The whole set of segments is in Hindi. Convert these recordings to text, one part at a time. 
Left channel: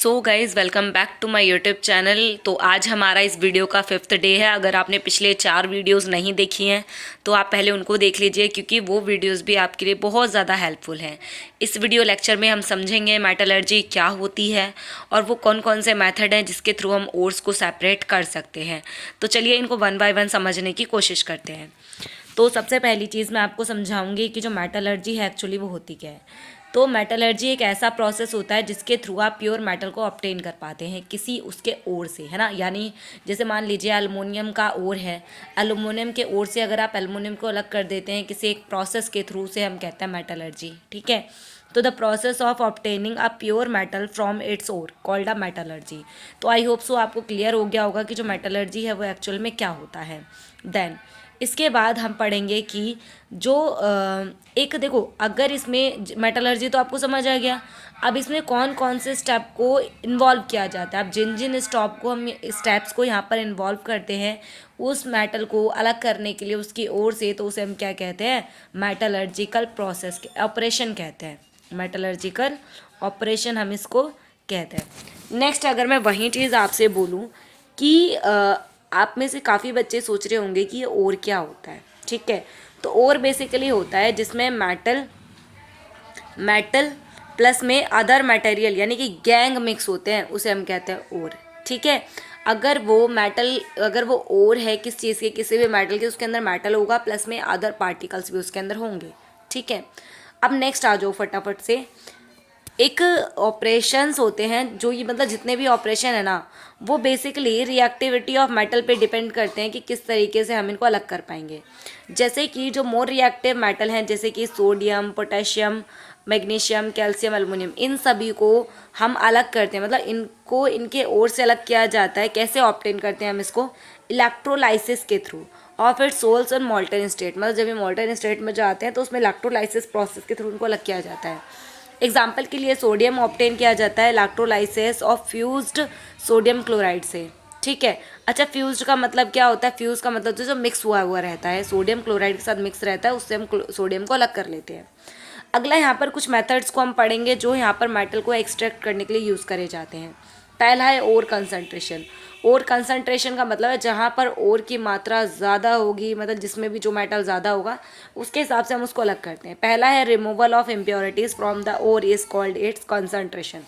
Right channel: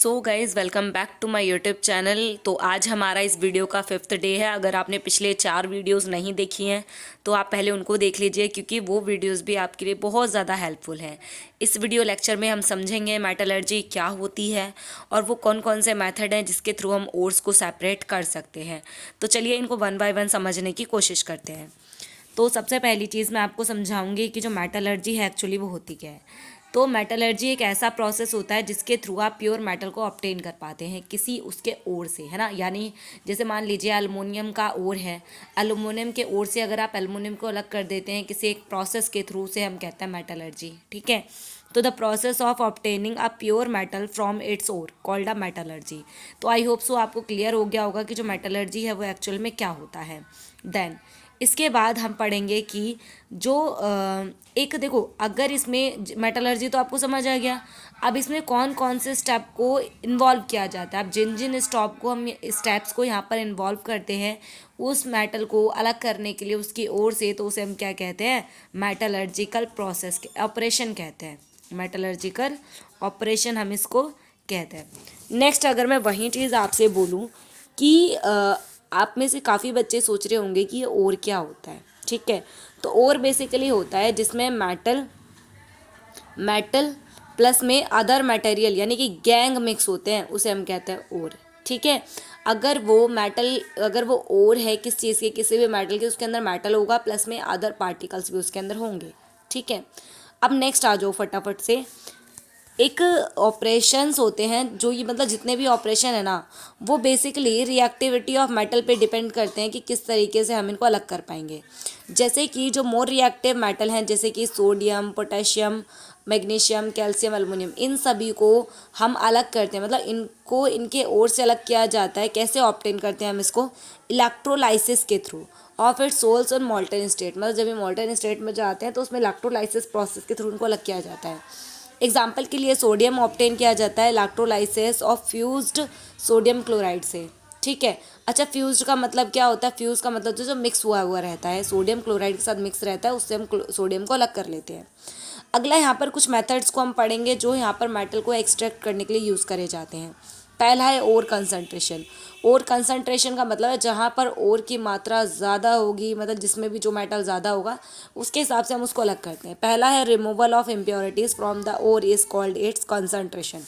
So guys welcome back to my YouTube channel. तो आज हमारा इस वीडियो का 5th डे है। अगर आपने पिछले 4 वीडियोस नहीं देखी हैं तो आप पहले उनको देख लीजिए, क्योंकि वो वीडियोस भी आपके लिए बहुत ज़्यादा हेल्पफुल हैं। इस वीडियो लेक्चर में हम समझेंगे मेटलर्जी क्या होती है और वो कौन कौन से मेथड हैं जिसके थ्रू हम ओर्स को सेपरेट कर सकते हैं। तो चलिए इनको वन बाय वन समझने की कोशिश करते हैं। तो सबसे पहली चीज़ मैं आपको समझाऊंगी कि जो मेटलर्जी है एक्चुअली वो होती क्या है। तो मेटलर्जी एक ऐसा प्रोसेस होता है जिसके थ्रू आप प्योर मेटल को ऑब्टेन कर पाते हैं किसी उसके ओर से, है ना। यानी जैसे मान लीजिए एल्युमिनियम का ओर है, एल्युमिनियम के ओर से अगर आप एल्युमिनियम को अलग कर देते हैं किसी एक प्रोसेस के थ्रू से, हम कहते हैं मेटलर्जी, ठीक है। तो the process of obtaining a pure metal from its ore called a metallurgy. तो आई होप सो आपको क्लियर हो गया होगा कि जो मेटलर्जी है वो एक्चुअल में क्या होता है। देन इसके बाद हम पढ़ेंगे कि जो एक देखो, अगर इसमें मेटलर्जी तो आपको समझ आ गया। अब इसमें कौन कौन से स्टेप को इन्वॉल्व किया जाता है। अब जिन जिन स्टेप्स को यहाँ पर इन्वॉल्व करते हैं उस मेटल को अलग करने के लिए उसकी ओर से, तो उसे हम क्या कहते हैं, मेटलर्जिकल प्रोसेस ऑपरेशन कहते हैं। मेटलर्जिकल ऑपरेशन हम इसको कहते हैं। नेक्स्ट अगर मैं वही चीज़ आपसे बोलूँ कि आप में से काफ़ी बच्चे सोच रहे होंगे कि ये और क्या होता है, ठीक है। तो और बेसिकली होता है जिसमें मेटल मेटल प्लस में अदर मटेरियल यानी कि गैंग मिक्स होते हैं, उसे हम कहते हैं और, ठीक है। अगर वो और है किस चीज़ के, किसी भी मेटल के, उसके अंदर मेटल होगा प्लस में अदर पार्टिकल्स भी उसके अंदर होंगे, ठीक है। अब नेक्स्ट आ जाओ फटाफट से। एक ऑपरेशंस होते हैं जो ये मतलब जितने भी ऑपरेशन है ना, वो बेसिकली रिएक्टिविटी ऑफ मेटल पे डिपेंड करते हैं कि किस तरीके से हम इनको अलग कर पाएंगे। जैसे कि जो मोर रिएक्टिव मेटल हैं जैसे कि sodium, potassium, magnesium, calcium, aluminium, इन सभी को हम अलग करते हैं, मतलब इनको इनके ओर से अलग किया जाता है। कैसे ऑब्टेन करते हैं हम इसको, इलेक्ट्रोलाइसिस के थ्रू ऑफ इट सोल्स और मॉल्टन स्टेट। मतलब जब ये मॉल्टन स्टेट में जाते हैं तो उसमें इलेक्ट्रोलाइसिस प्रोसेस के थ्रू उनको अलग किया जाता है। एग्जाम्पल के लिए सोडियम ऑब्टेन किया जाता है electrolysis of fused sodium chloride से, ठीक है। अच्छा, फ्यूज्ड का मतलब क्या होता है, फ्यूज का मतलब जो मिक्स हुआ हुआ रहता है, सोडियम क्लोराइड के साथ मिक्स रहता है, उससे हम सोडियम को अलग कर लेते हैं। अगला यहाँ पर कुछ मेथड्स को हम पढ़ेंगे जो यहाँ पर मेटल को एक्सट्रैक्ट करने के लिए यूज़ करे जाते हैं। पहला है ओर कंसंट्रेशन। ओर कंसंट्रेशन का मतलब है जहाँ पर ओर की मात्रा ज़्यादा होगी, मतलब जिसमें भी जो मेटल ज़्यादा होगा उसके हिसाब से हम उसको अलग करते हैं। पहला है removal of impurities from the ore is called its concentration.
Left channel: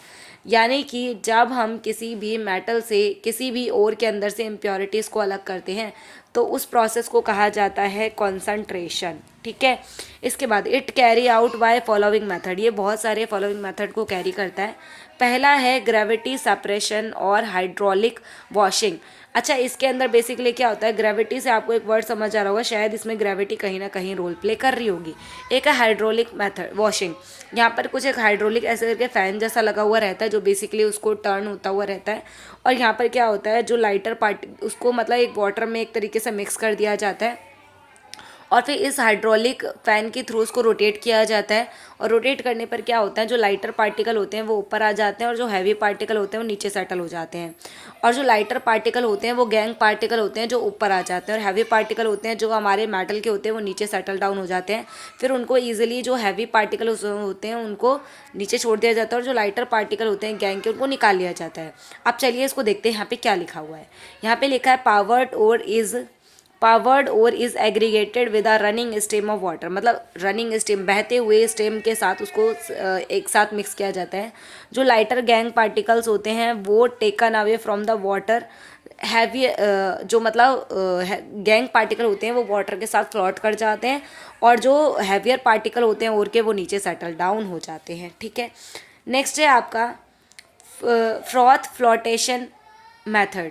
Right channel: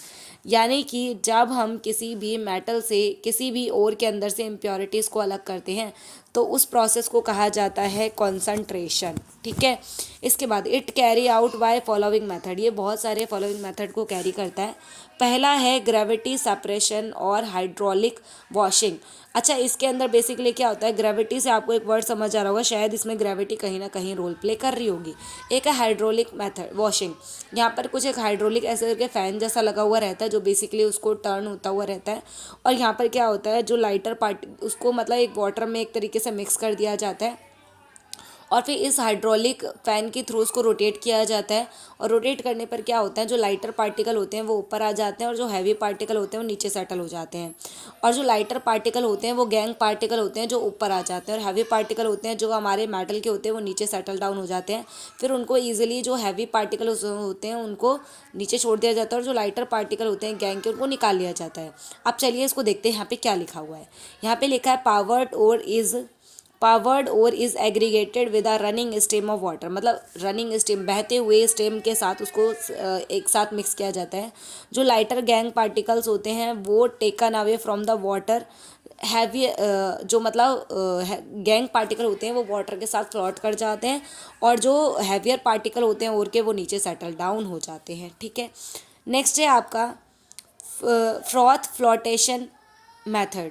यानी कि जब हम किसी भी मेटल से किसी भी ओर के अंदर से इम्प्योरिटीज़ को अलग करते हैं तो उस प्रोसेस को कहा जाता है कंसंट्रेशन, ठीक है। इसके बाद it carry out by following method. ये बहुत सारे फॉलोइंग मेथड को कैरी करता है। पहला है ग्रेविटी सेपरेशन और हाइड्रोलिक वॉशिंग। अच्छा, इसके अंदर बेसिकली क्या होता है, ग्रेविटी से आपको एक वर्ड समझ आ रहा होगा, शायद इसमें ग्रेविटी कहीं ना कहीं रोल प्ले कर रही होगी। एक है हाइड्रोलिक मेथड वॉशिंग। यहाँ पर कुछ एक हाइड्रोलिक ऐसे करके फैन जैसा लगा हुआ रहता है जो बेसिकली उसको टर्न होता हुआ रहता है। और यहाँ पर क्या होता है, जो लाइटर पार्ट उसको मतलब एक वाटर में एक तरीके से मिक्स कर दिया जाता है और फिर इस हाइड्रोलिक फैन के थ्रू उसको रोटेट किया जाता है। और रोटेट करने पर क्या होता है, जो लाइटर पार्टिकल होते हैं वो ऊपर आ जाते हैं और जो हैवी पार्टिकल होते हैं वो नीचे सेटल हो जाते हैं। और जो लाइटर पार्टिकल होते हैं वो गैंग पार्टिकल होते हैं जो ऊपर आ जाते हैं, और हैवी पार्टिकल होते हैं जो हमारे मेटल के होते हैं वो नीचे सेटल डाउन हो जाते हैं। फिर उनको ईजिली जो हैवी पार्टिकल होते हैं उनको नीचे छोड़ दिया जाता है और जो लाइटर पार्टिकल होते हैं गैंग के उनको निकाल लिया जाता है। अब चलिए इसको देखते हैं यहाँ पे क्या लिखा हुआ है। यहाँ पे लिखा है पावर्ड और is aggregated with a running stem of water. मतलब रनिंग स्टेम, बहते हुए स्टेम के साथ उसको एक साथ मिक्स किया जाता है। जो लाइटर गैंग पार्टिकल्स होते हैं वो taken away from the water. Heavy जो मतलब गैंग पार्टिकल होते हैं वो वाटर के साथ फ्लोट कर जाते हैं और जो हैवियर पार्टिकल होते हैं और के वो नीचे सेटल डाउन हो जाते हैं, ठीक है। नेक्स्ट है आपका फ्रॉथ फ्लोटेशन मेथड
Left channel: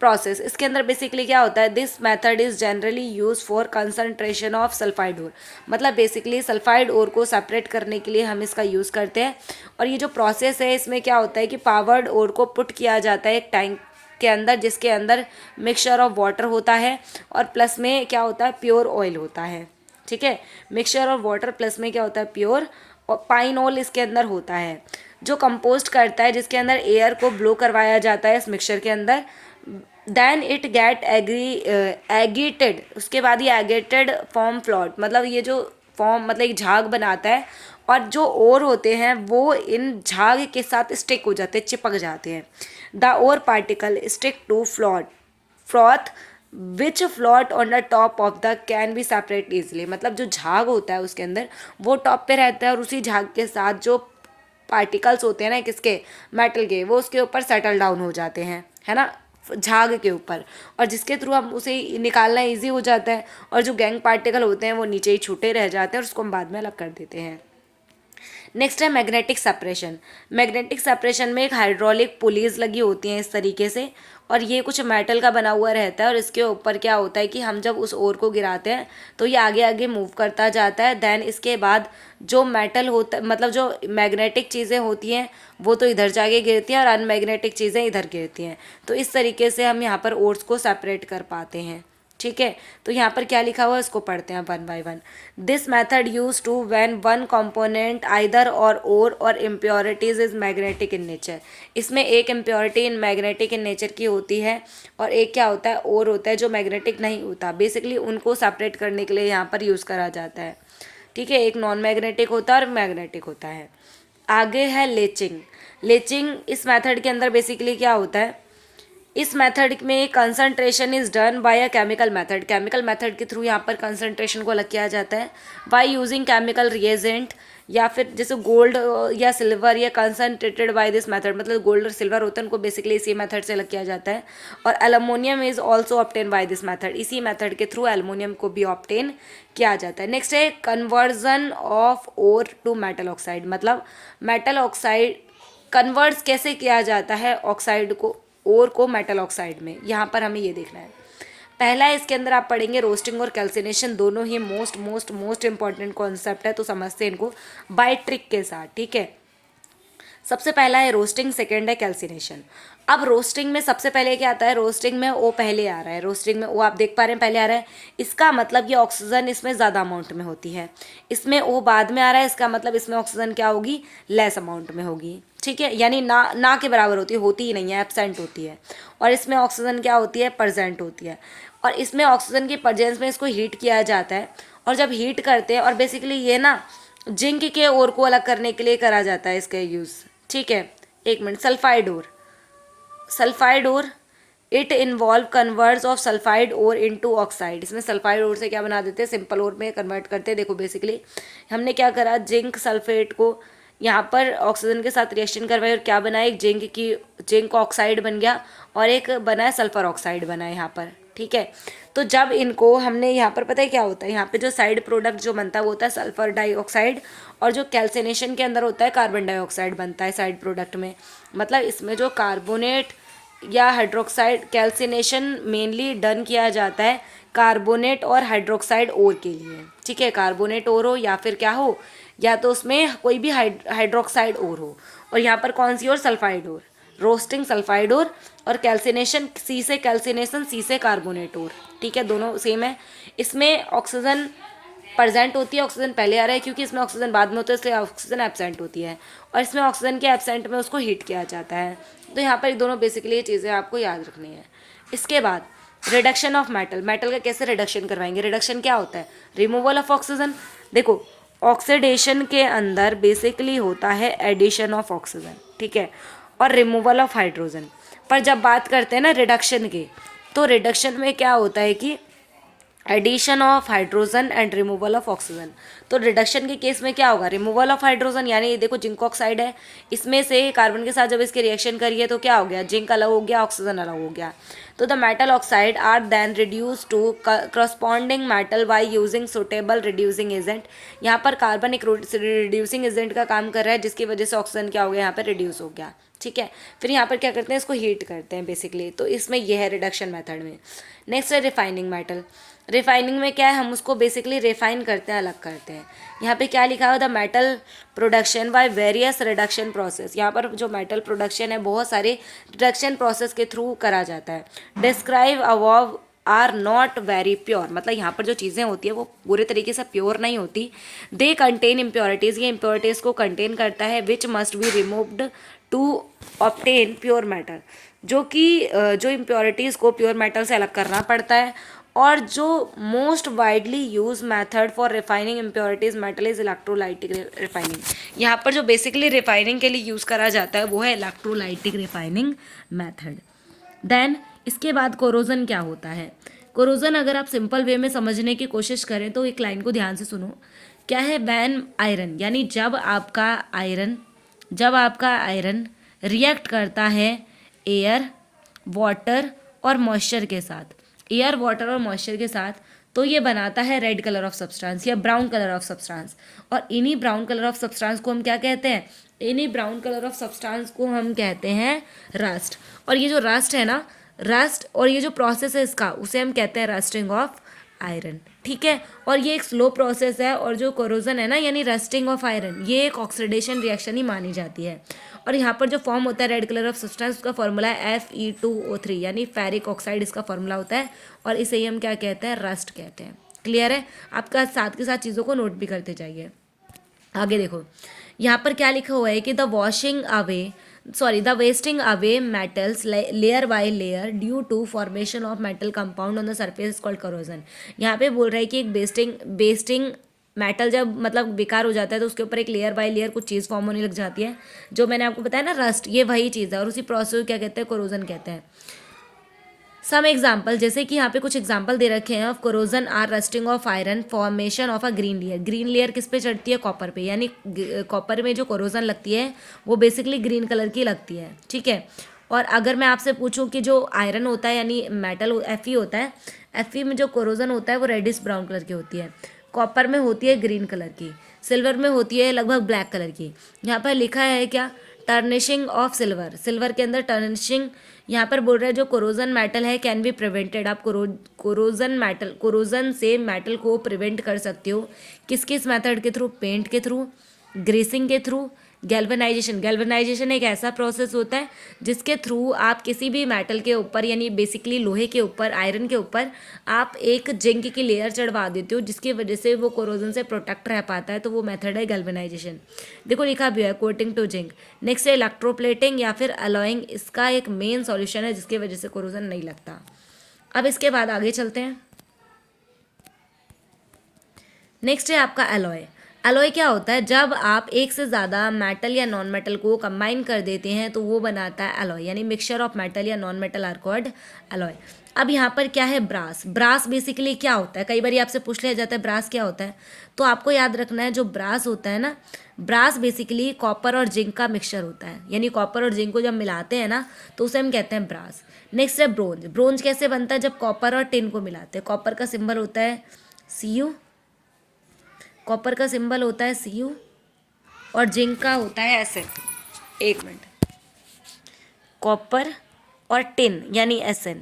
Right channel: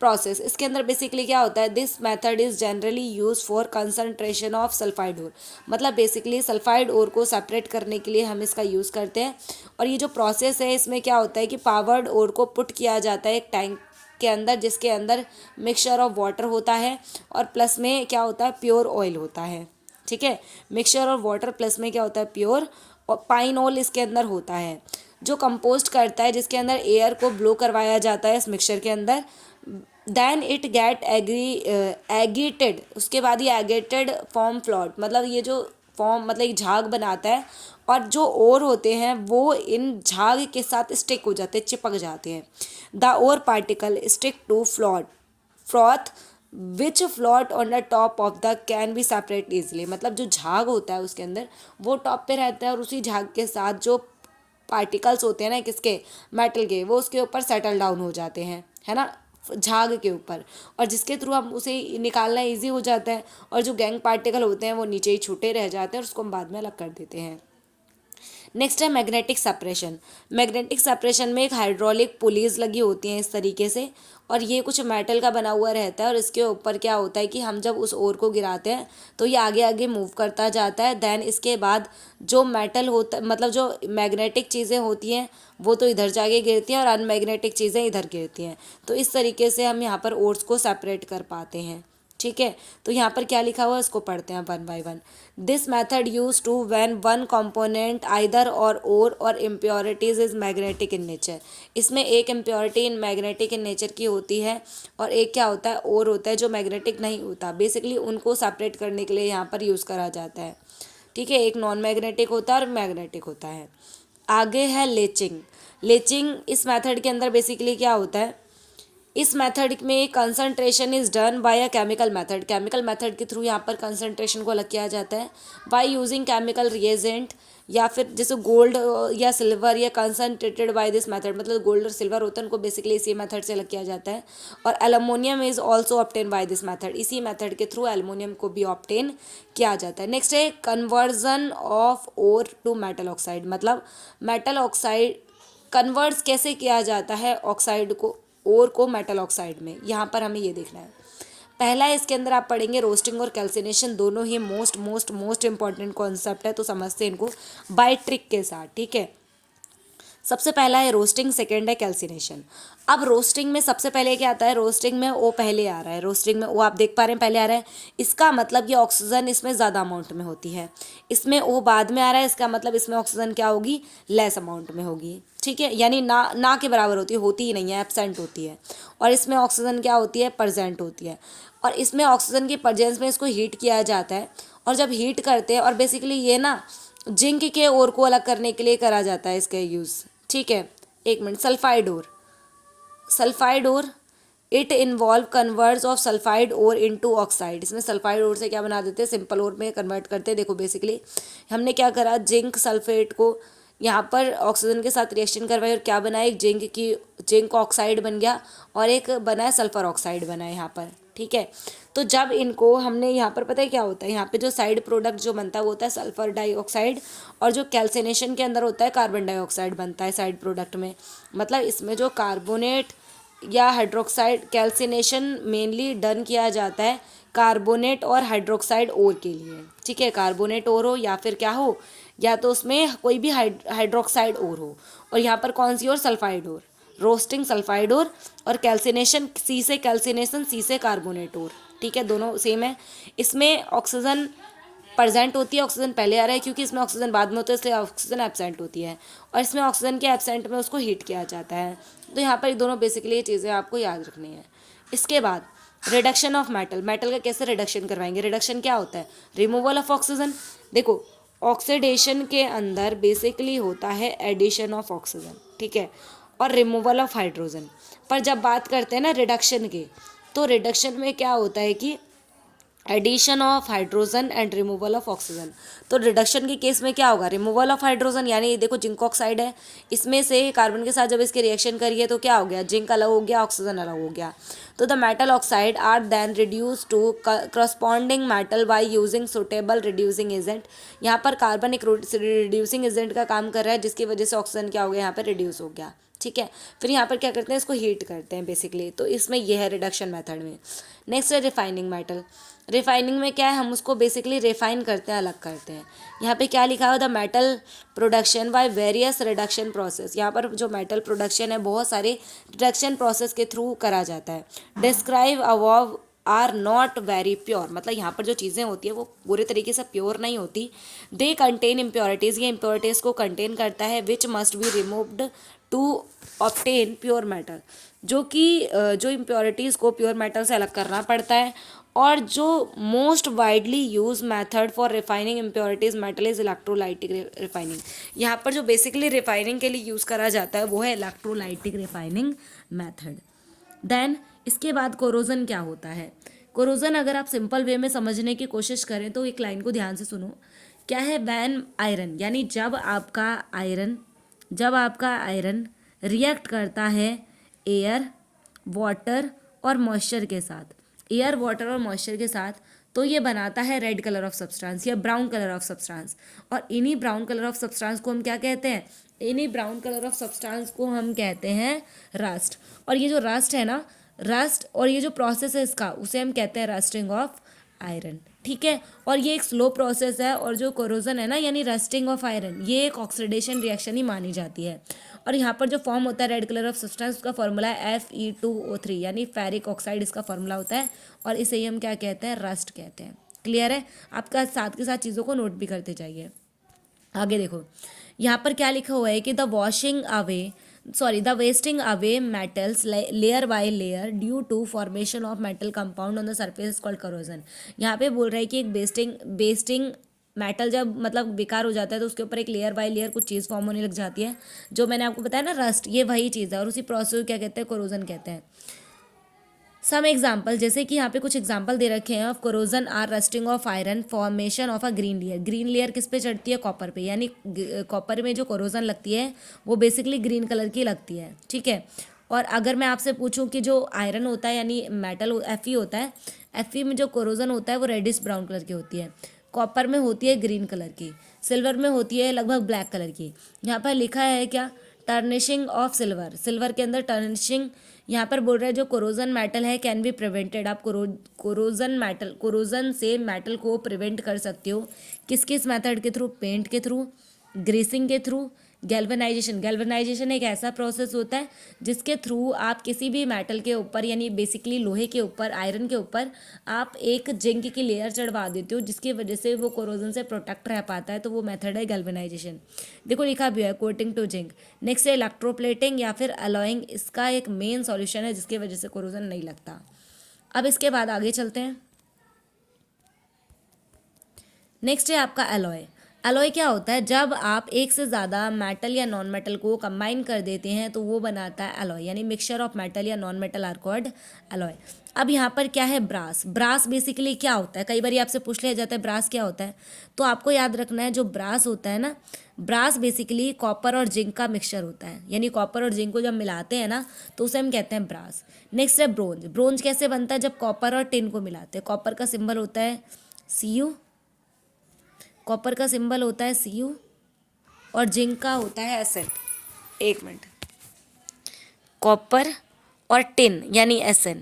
प्रोसेस। इसके अंदर बेसिकली क्या होता है, this method is generally use for concentration of sulphide ore. मतलब बेसिकली सल्फाइड ओर को सेपरेट करने के लिए हम इसका यूज़ करते हैं। और ये जो प्रोसेस है इसमें क्या होता है कि पावर्ड ओर को पुट किया जाता है एक टैंक के अंदर जिसके अंदर मिक्सचर ऑफ वाटर होता है और प्लस में क्या होता है, प्योर ऑयल होता है, ठीक है। मिक्सचर ऑफ वाटर प्लस में क्या होता है, प्योर, और पाइन ऑयल इसके अंदर होता है जो कंपोस्ट करता है, जिसके अंदर एयर को ब्लो करवाया जाता है इस मिक्सचर के अंदर। देन इट गेट एग्रीटेड, उसके बाद ये एगेटेड फॉर्म फ्लॉट। मतलब ये जो फॉर्म मतलब एक झाग बनाता है, और जो ओर होते हैं वो इन झाग के साथ स्टिक हो जाते हैं, चिपक जाते हैं। The ore particle stick to froth which float on the top of the can be separate easily. मतलब जो झाग होता है उसके अंदर वो टॉप पे रहता है, और उसी झाग के साथ जो पार्टिकल्स होते हैं ना किसके, मेटल के, वो उसके ऊपर सेटल डाउन हो जाते हैं, है ना, झाग के ऊपर, और जिसके थ्रू हम उसे निकालना इजी हो जाता है, और जो गैंग पार्टिकल होते हैं वो नीचे ही छूटे रह जाते हैं और उसको हम बाद में अलग कर देते हैं। नेक्स्ट है मैग्नेटिक सेपरेशन। मैग्नेटिक सेपरेशन में एक हाइड्रोलिक पुलीज लगी होती हैं इस तरीके से, और ये कुछ मेटल का बना हुआ रहता है, और इसके ऊपर क्या होता है कि हम जब उस ओर को गिराते हैं तो ये आगे आगे मूव करता जाता है। देन इसके बाद जो मेटल होता है, मतलब जो मैग्नेटिक चीज़ें होती हैं वो तो इधर जाके गिरती हैं और अनमैग्नेटिक चीज़ें इधर गिरती हैं। तो इस तरीके से हम यहाँ पर ओर्स को सेपरेट कर पाते हैं। ठीक है, तो यहाँ पर क्या लिखा हुआ है इसको पढ़ते हैं one by one. This method use to when one component either or impurities is magnetic in nature. इसमें एक impurity in magnetic in nature की होती है, और एक क्या होता है, और होता है जो मैग्नेटिक नहीं होता। बेसिकली उनको सेपरेट करने के लिए यहाँ पर यूज़ करा जाता है। ठीक है, एक नॉन मैग्नेटिक होता है और मैग्नेटिक होता है। आगे है लेचिंग। लेचिंग इस मेथड के अंदर बेसिकली क्या होता है, इस मेथड में concentration is done by a chemical method. Chemical method के थ्रू यहाँ पर कंसंट्रेशन को अलग किया जाता है बाय यूजिंग केमिकल रिएजेंट, या फिर जैसे गोल्ड या सिल्वर या कंसनट्रेटेड बाय दिस मेथड, मतलब गोल्ड और सिल्वर होते हैं उनको बेसिकली इसी मेथड से अलग किया जाता है। और aluminium is also obtain by this method, इसी मेथड के थ्रू एलुमिनियम को भी ऑब्टेन किया जाता है। नेक्स्ट है conversion of ore to metal oxide. मतलब मेटल ऑक्साइड कन्वर्ट्स कैसे किया जाता है ऑक्साइड को, ओर को मेटल ऑक्साइड में, यहाँ पर हमें ये देखना है। पहला है इसके अंदर आप पढ़ेंगे रोस्टिंग और कैल्सिनेशन, दोनों ही most most most important concept है, तो समझते हैं इनको बाय ट्रिक के साथ। ठीक है, सबसे पहला है रोस्टिंग, सेकेंड है कैल्सिनेशन। अब रोस्टिंग में सबसे पहले क्या आता है, रोस्टिंग में ओ पहले आ रहा है, रोस्टिंग में ओ आप देख पा रहे हैं पहले आ रहा है, इसका मतलब ये ऑक्सीजन इसमें ज़्यादा अमाउंट में होती है। इसमें ओ बाद में आ रहा है, इसका मतलब इसमें ऑक्सीजन क्या होगी, लेस अमाउंट में होगी। ठीक है, यानी ना के बराबर होती ही नहीं है, एब्सेंट होती है। और इसमें ऑक्सीजन क्या होती है, प्रेजेंट होती है। और इसमें ऑक्सीजन की प्रेजेंस में इसको हीट किया जाता है, और जब हीट करते हैं, और बेसिकली ये ना जिंक के ओर को अलग करने के लिए करा जाता है इसका यूज़। ठीक है, एक minute, sulphide ore, sulphide ore it involve converts of sulphide ore into oxide. इसमें सल्फाइड ओर से क्या बना देते हैं, सिंपल ओर में कन्वर्ट करते हैं। देखो बेसिकली हमने क्या करा, जिंक सल्फेट को यहाँ पर ऑक्सीजन के साथ रिएक्शन करवाया, और क्या बना, एक जिंक ऑक्साइड बन गया, और एक बना है सल्फर ऑक्साइड बना है यहाँ पर। ठीक है, तो जब इनको हमने यहाँ पर, पता है क्या होता है, यहाँ पे जो साइड प्रोडक्ट जो बनता है वो होता है सल्फर डाइऑक्साइड, और जो कैल्सिनेशन के अंदर होता है कार्बन डाइऑक्साइड बनता है साइड प्रोडक्ट में। मतलब इसमें जो कार्बोनेट या हाइड्रोक्साइड, कैल्सिनेशन मेनली डन किया जाता है कार्बोनेट और हाइड्रोक्साइड ओर के लिए। ठीक है, कार्बोनेट ओर हो या फिर क्या हो, या तो उसमें कोई भी हाइड्रोक्साइड ओर हो, और यहाँ पर कौन सी ore, sulphide ore. Roasting sulphide ore, और कैल्सिनेशन सी से कैल्सिनेशन, सी से कार्बोनेट ओर। ठीक है, दोनों सेम है। इसमें ऑक्सीजन प्रेजेंट होती है, ऑक्सीजन पहले आ रहा है क्योंकि इसमें ऑक्सीजन बाद में होता है, इसलिए ऑक्सीजन एब्सेंट होती है, और इसमें ऑक्सीजन के एब्सेंट में उसको हीट किया जाता है। तो यहाँ पर दोनों बेसिकली ये चीज़ें आपको याद रखनी है। इसके बाद रिडक्शन ऑफ मेटल, मेटल का कैसे रिडक्शन करवाएंगे, रिडक्शन क्या होता है, रिमूवल ऑफ ऑक्सीजन। देखो ऑक्सीडेशन के अंदर बेसिकली होता है एडिशन ऑफ ऑक्सीजन, ठीक है, और रिमूवल ऑफ हाइड्रोजन। पर जब बात करते हैं ना रिडक्शन की, तो रिडक्शन में क्या होता है कि addition of hydrogen and removal of oxygen. तो रिडक्शन के केस में क्या होगा, रिमूवल ऑफ हाइड्रोजन, यानी ये देखो जिंक ऑक्साइड है, इसमें से कार्बन के साथ जब इसकी रिएक्शन करिए तो क्या हो गया, जिंक अलग हो गया, ऑक्सीजन अलग हो गया। तो the metal oxide are then reduce to corresponding metal by using suitable reducing agent. यहाँ पर कार्बन एक रिड्यूसिंग एजेंट का काम कर रहा है, जिसकी वजह से ऑक्सीजन क्या हो गया, यहाँ पर रिड्यूस हो गया। ठीक है, फिर यहाँ पर क्या करते हैं, इसको हीट करते हैं बेसिकली। तो इसमें यह है रिडक्शन मेथड में। नेक्स्ट है रिफाइनिंग मेटल। रिफाइनिंग में क्या है, हम उसको बेसिकली रिफाइन करते हैं, अलग करते हैं। यहाँ पे क्या लिखा है, the metal production by various reduction process. यहाँ पर जो मेटल प्रोडक्शन है बहुत सारे रिडक्शन प्रोसेस के थ्रू करा जाता है। Describe above are not very pure, मतलब यहाँ पर जो चीज़ें होती है वो पूरे तरीके से प्योर नहीं होती। दे कंटेन इम्प्योरिटीज़, ये इम्प्योरिटीज़ को कंटेन करता है, which must be removed to obtain pure metal, जो कि जो इम्प्योरिटीज़ को प्योर मेटल से अलग करना पड़ता है, और जो most widely use method for refining impurities metal is electrolytic refining. यहाँ पर जो बेसिकली रिफाइनिंग के लिए यूज़ करा जाता है वो है इलेक्ट्रोलाइटिक रिफाइनिंग मेथड। देन इसके बाद कोरोजन क्या होता है। कोरोजन अगर आप सिंपल वे में समझने की कोशिश करें तो एक लाइन को ध्यान से सुनो। क्या है, वैन आयरन, यानी जब आपका आयरन रिएक्ट करता है एयर, वाटर और मॉइस्चर के साथ, एयर, वाटर और मॉइस्चर के साथ, तो ये बनाता है रेड कलर ऑफ सब्सटेंस या ब्राउन कलर ऑफ सब्सटेंस। और इन्हीं ब्राउन कलर ऑफ सब्सटेंस को हम क्या कहते हैं, इन्हीं ब्राउन कलर ऑफ सब्सटेंस को हम कहते हैं रस्ट। और ये जो रस्ट है ना, रस्ट और ये जो प्रोसेस है इसका, उसे हम कहते हैं रस्टिंग ऑफ आयरन। ठीक है, और ये एक स्लो प्रोसेस है। और जो कोरोजन है ना, यानी रस्टिंग ऑफ आयरन, ये एक ऑक्सीडेशन रिएक्शन ही मानी जाती है। और यहाँ पर जो फॉर्म होता है रेड कलर ऑफ सब्सटेंस, उसका फॉर्मूला है Fe2O3, यानी फेरिक ऑक्साइड इसका फॉर्मूला होता है। और इसे ही हम क्या कहते हैं, रस्ट कहते हैं। क्लियर है, आपका साथ के साथ चीज़ों को नोट भी करते जाइए। आगे देखो, यहाँ पर क्या लिखा हुआ है कि the wasting away metals layer by layer due to formation of metal compound on the surface called corrosion. यहाँ पे बोल रहा है कि एक बेस्टिंग मेटल जब मतलब बेकार हो जाता है तो उसके ऊपर एक लेयर बाय लेयर कुछ चीज़ फॉर्म होने लग जाती है, जो मैंने आपको बताया ना रस्ट, ये वही चीज़ है। और उसी प्रोसेस को क्या कहते हैं, कोरोजन कहते हैं। सम एग्जाम्पल, जैसे कि यहाँ पे कुछ एग्जाम्पल दे रखे हैं of corrosion are rusting of iron, formation of a green layer. Green layer किस पे चढ़ती है, कॉपर पे, यानी कॉपर में जो कोरोजन लगती है वो बेसिकली ग्रीन कलर की लगती है। ठीक है, और अगर मैं आपसे पूछूं कि जो आयरन होता है यानी मेटल Fe होता है, Fe में जो कोरोजन होता है वो रेडिश ब्राउन कलर की होती है, कॉपर में होती है ग्रीन कलर की, सिल्वर में होती है लगभग ब्लैक कलर की। यहाँ पर लिखा है क्या, टर्निशिंग ऑफ सिल्वर, सिल्वर के अंदर टर्निशिंग। यहाँ पर बोल रहा है जो कोरोजन मेटल है कैन बी प्रिवेंटेड, आप कोरोजन से मेटल को प्रिवेंट कर सकते हो। किस किस मेथड के थ्रू, पेंट के थ्रू, ग्रीसिंग के थ्रू, गैल्वेनाइजेशन एक ऐसा प्रोसेस होता है जिसके थ्रू आप किसी भी मेटल के ऊपर, यानी बेसिकली लोहे के ऊपर, आयरन के ऊपर आप एक जिंक की लेयर चढ़वा देते हो, जिसकी वजह से वो कोरोजन से प्रोटेक्ट रह पाता है, तो वो मेथड है गैल्वेनाइजेशन। देखो लिखा भी है कोटिंग टू जिंक। नेक्स्ट है इलेक्ट्रोप्लेटिंग या फिर अलॉइंग, इसका एक मेन सॉल्यूशन है जिसकी वजह से कोरोजन नहीं लगता। अब इसके बाद आगे चलते हैं। नेक्स्ट है आपका अलॉय। अलॉय क्या होता है, जब आप एक से ज़्यादा मेटल या नॉन मेटल को कंबाइन कर देते हैं तो वो बनाता है अलॉय, यानी मिक्सचर ऑफ मेटल या non metal are called alloy. अब यहाँ पर क्या है, ब्रास। ब्रास बेसिकली क्या होता है, कई बार आपसे पूछ लिया जाता है ब्रास क्या होता है, तो आपको याद रखना है जो ब्रास होता है ना, ब्रास बेसिकली कॉपर और जिंक का मिक्सचर होता है, यानी कॉपर और जिंक को जब मिलाते हैं ना तो उसे हम कहते हैं ब्रास। नेक्स्ट है ब्रोंज। ब्रोंज कैसे बनता है, जब कॉपर और टिन को मिलाते हैं। कॉपर का सिंबल होता है Cu, कॉपर का सिंबल होता है Cu और जिंक का होता है Sn। एक मिनट, कॉपर और टिन यानी Sn,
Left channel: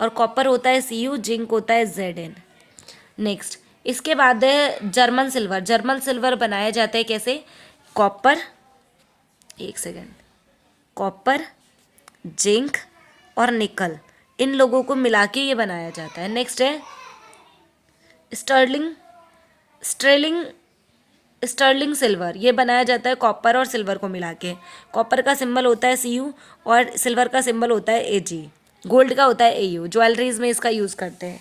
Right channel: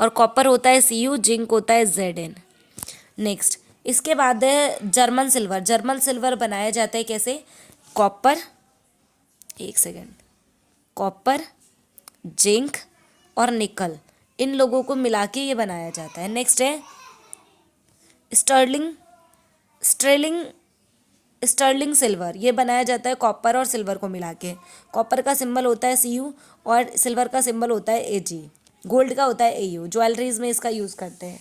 और कॉपर होता है Cu, जिंक होता है Zn। नेक्स्ट इसके बाद है जर्मन सिल्वर। जर्मन सिल्वर बनाया जाता है कैसे, कॉपर, एक सेकेंड, कॉपर, जिंक और निकल, इन लोगों को मिला के ये बनाया जाता है। नेक्स्ट है स्टर्लिंग सिल्वर, ये बनाया जाता है कॉपर और सिल्वर को मिला के। कॉपर का सिंबल होता है Cu और सिल्वर का सिंबल होता है Ag, गोल्ड का होता है Au। ज्वेलरीज में इसका यूज़ करते हैं।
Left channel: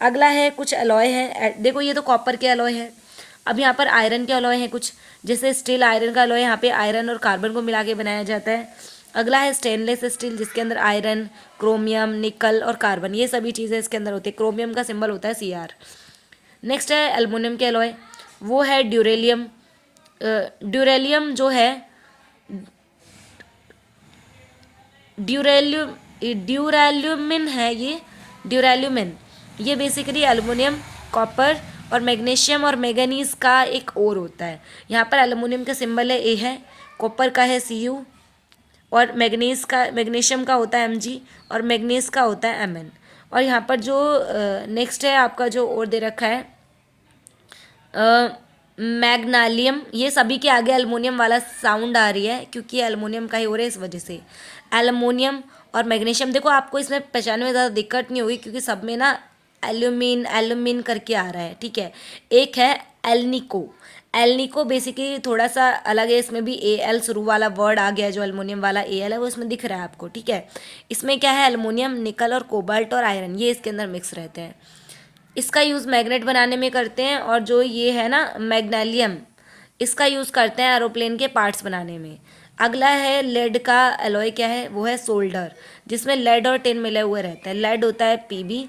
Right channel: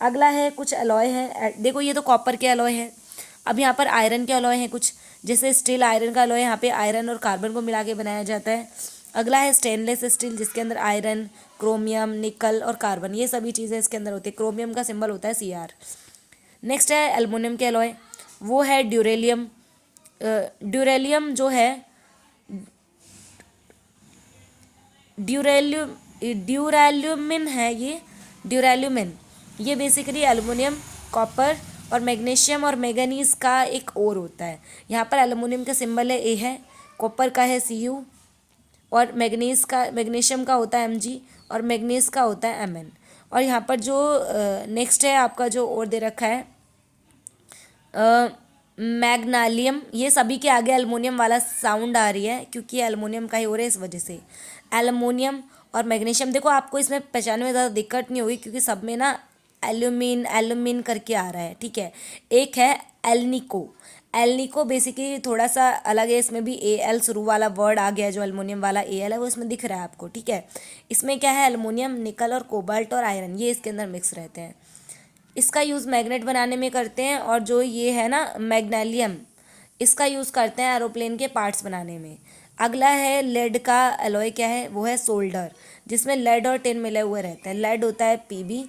अगला है कुछ अलॉय है, देखो ये तो कॉपर के अलॉय है। अब यहाँ पर आयरन के अलॉय हैं कुछ, जैसे स्टील आयरन का अलॉय, यहाँ पे आयरन और कार्बन को मिला के बनाया जाता है। अगला है स्टेनलेस स्टील, जिसके अंदर आयरन, क्रोमियम, निकल और कार्बन, ये सभी चीज़ें इसके अंदर होती है। क्रोमियम का सिंबल होता है Cr। नेक्स्ट है एल्युमिनियम के अलॉय, वो है ड्यूरेलियम। ड्यूरेलियम जो है ड्यूराल्यूमिन है, ये ड्यूराल्यूमिन, ये बेसिकली एल्युमिनियम, कॉपर और मैग्नीशियम और मैंगनीज का एक और होता है। यहाँ पर एल्युमिनियम का सिंबल है A है, कॉपर का है Cu और मैग्नीशियम का होता है Mg और मैग्नीज का होता है Mn। और यहाँ पर जो नेक्स्ट है आपका जो और दे रखा है मैग्नालियम, ये सभी के आगे एल्युमिनियम वाला साउंड आ रही है क्योंकि एल्युमिनियम का ही हो रहा है, इस वजह से। एल्युमिनियम और मैग्नीशियम, देखो आपको इसमें पहचानने में ज़्यादा दिक्कत नहीं होगी क्योंकि सब में ना एल्यूमिन करके आ रहा है। ठीक है, एक है एल्निको। एल्निको बेसिकली थोड़ा सा अलग है, इसमें भी ए एल शुरू वाला वर्ड आ गया है, जो एल्युमिनियम वाला ए एल है वो इसमें दिख रहा है आपको, ठीक है। इसमें क्या है, एल्युमिनियम, निकल और कोबाल्ट और आयरन ये इसके अंदर मिक्स रहते हैं। इसका यूज़ मैग्नेट बनाने में करते हैं, और जो ये है ना मैग्नेलियम, इसका यूज़ करते हैं एरोप्लेन के पार्ट्स बनाने में। अगला है लेड का एलॉय, क्या है वो है सोल्डर, जिसमें लेड और टिन मिले हुए रहते हैं। लेड होता है पीबी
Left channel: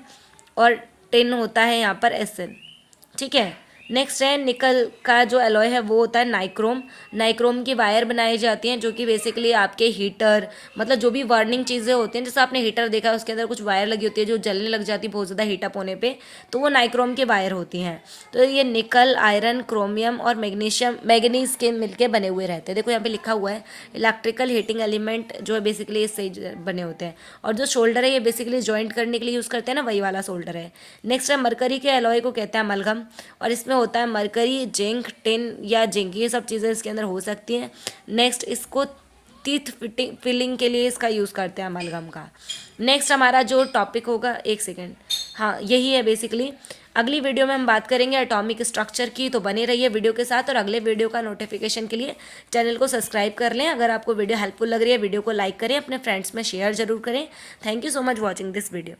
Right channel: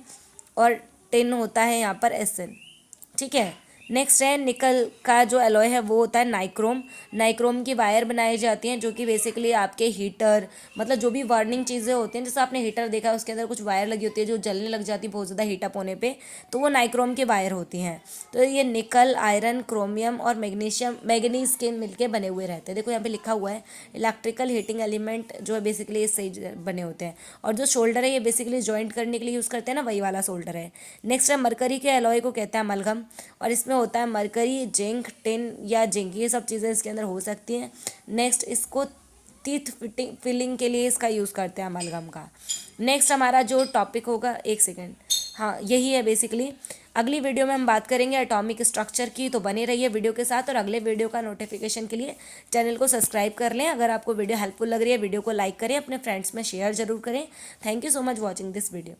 और टिन होता है यहाँ पर एसएन, ठीक है। नेक्स्ट है निकल का जो एलॉय है वो होता है नाइक्रोम। नाइक्रोम की वायर बनाई जाती हैं, जो कि बेसिकली आपके हीटर, मतलब जो भी वार्निंग चीज़ें होती हैं, जैसे आपने हीटर देखा है उसके अंदर कुछ वायर लगी होती है जो जलने लग जाती है बहुत ज़्यादा हीटअप होने पे, तो वो नाइक्रोम की वायर होती हैं। तो ये निकल, आयरन, क्रोमियम और मैग्नीज के मिलके बने हुए रहते हैं। देखो यहाँ पे लिखा हुआ है इलेक्ट्रिकल हीटिंग एलिमेंट, जो है बेसिकली इससे बने होते हैं। और जो शोल्डर है ये बेसिकली ज्वाइंट करने के लिए यूज़ करते हैं ना, वही वाला शोल्डर है। नेक्स्ट है मरकरी के एलॉय को कहते हैं अमलगम, और इसमें होता है मरकरी, जिंक, टिन या जिंक, ये सब चीज़ें इसके अंदर हो सकती हैं। नेक्स्ट इसको टीथ फिलिंग के लिए इसका यूज़ करते हैं अमलगम का। नेक्स्ट हमारा जो टॉपिक होगा, एक सेकेंड, हाँ यही है बेसिकली। अगली वीडियो में हम बात करेंगे एटॉमिक स्ट्रक्चर की, तो बने रहिए वीडियो के साथ, और अगले वीडियो का नोटिफिकेशन के लिए चैनल को सब्सक्राइब कर लें। अगर आपको वीडियो हेल्पफुल लग रही है, वीडियो को लाइक करें, अपने फ्रेंड्स में शेयर जरूर करें। Thank you so much watching this video.